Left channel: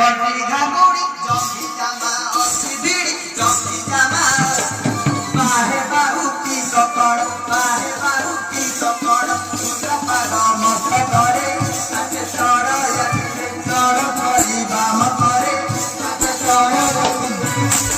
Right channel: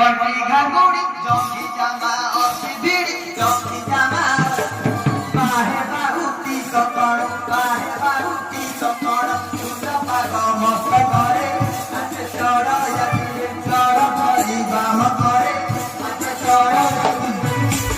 घंटी घागुड़ी जंगी जामा अस्सी बीड़ी जंगी जामा बाहे बाहु की सकड़ बाहे बाहु की सकड़ पागा मस्त करे आचे सड़ यात्रे सड़ भरी बाम करे आचे सड़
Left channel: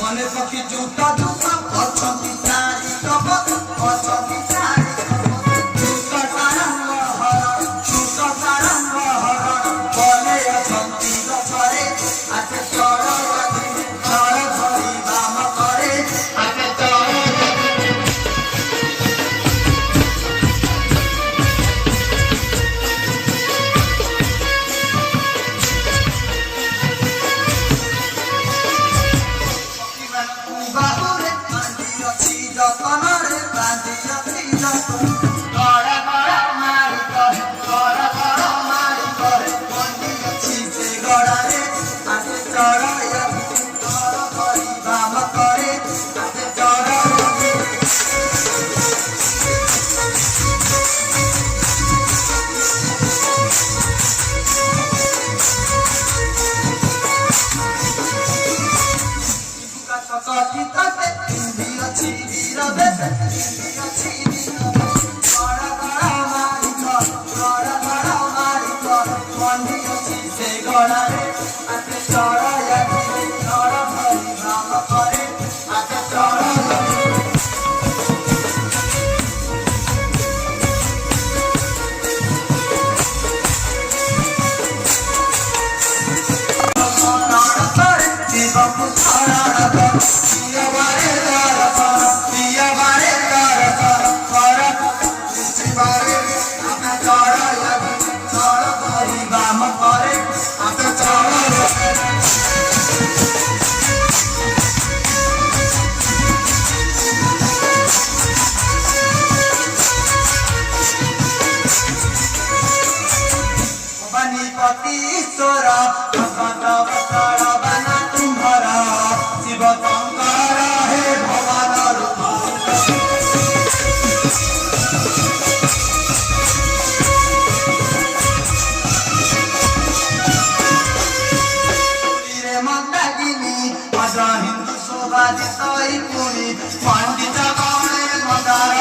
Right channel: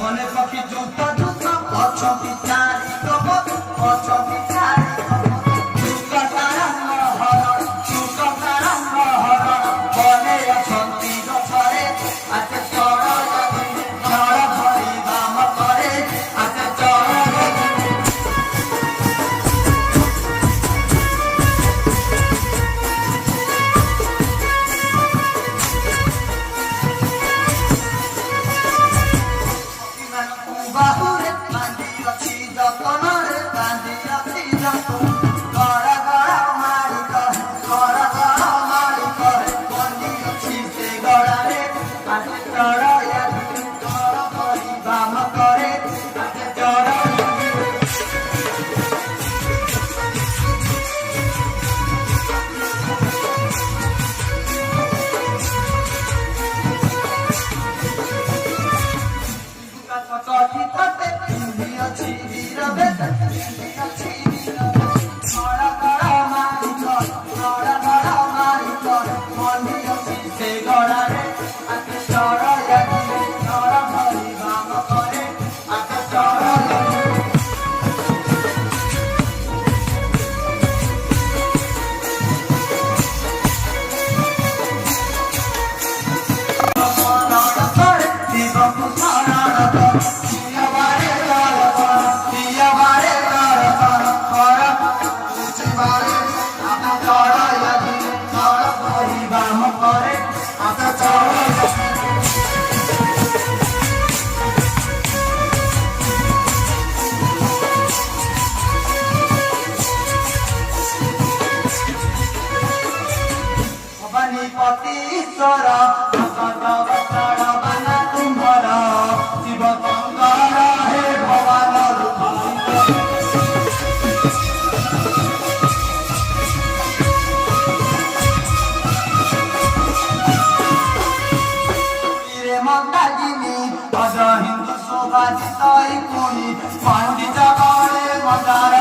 मने सखी जूता जूता अछती सारी कपत अछती सारी कपत जूता सारंग हर जूता सारंग हर बने अछती दफरे आते सड़ यात्रे सड़ भरी बाम करे आते बाबुरे बांधी अच्छी जतनरे बांधी अच्छी जतन गड़ा गड़ा मारी करे गड़ा गड़ा मारी करे बांधी अच्छी से गड़ारे आते चढ़ा यात्री गड़ा भरी बाम करे आते चढ़ा सखी तते हिंदी अच्छी वीर बेस हिंदी अच्छी वीर गड़ा गड़ा मारी कर गड़ा गड़ा मारी कर मंडी अच्छी से गड़ा रे आते चढ़ा यात्री गड़ा भरी बाम करे आते चढ़ा करे जीवन सारा पिया बारे बारे आते चढ़ा यात्री चढ़ा भरी बाम करे आते चढ़ा पति ईश्वर भगवत बना तुम्हारा शिव शंकर हे भगवान रूप मंदाकिनी अज हिंदू शोभा जिताई पुणी पंडित गणे मंदार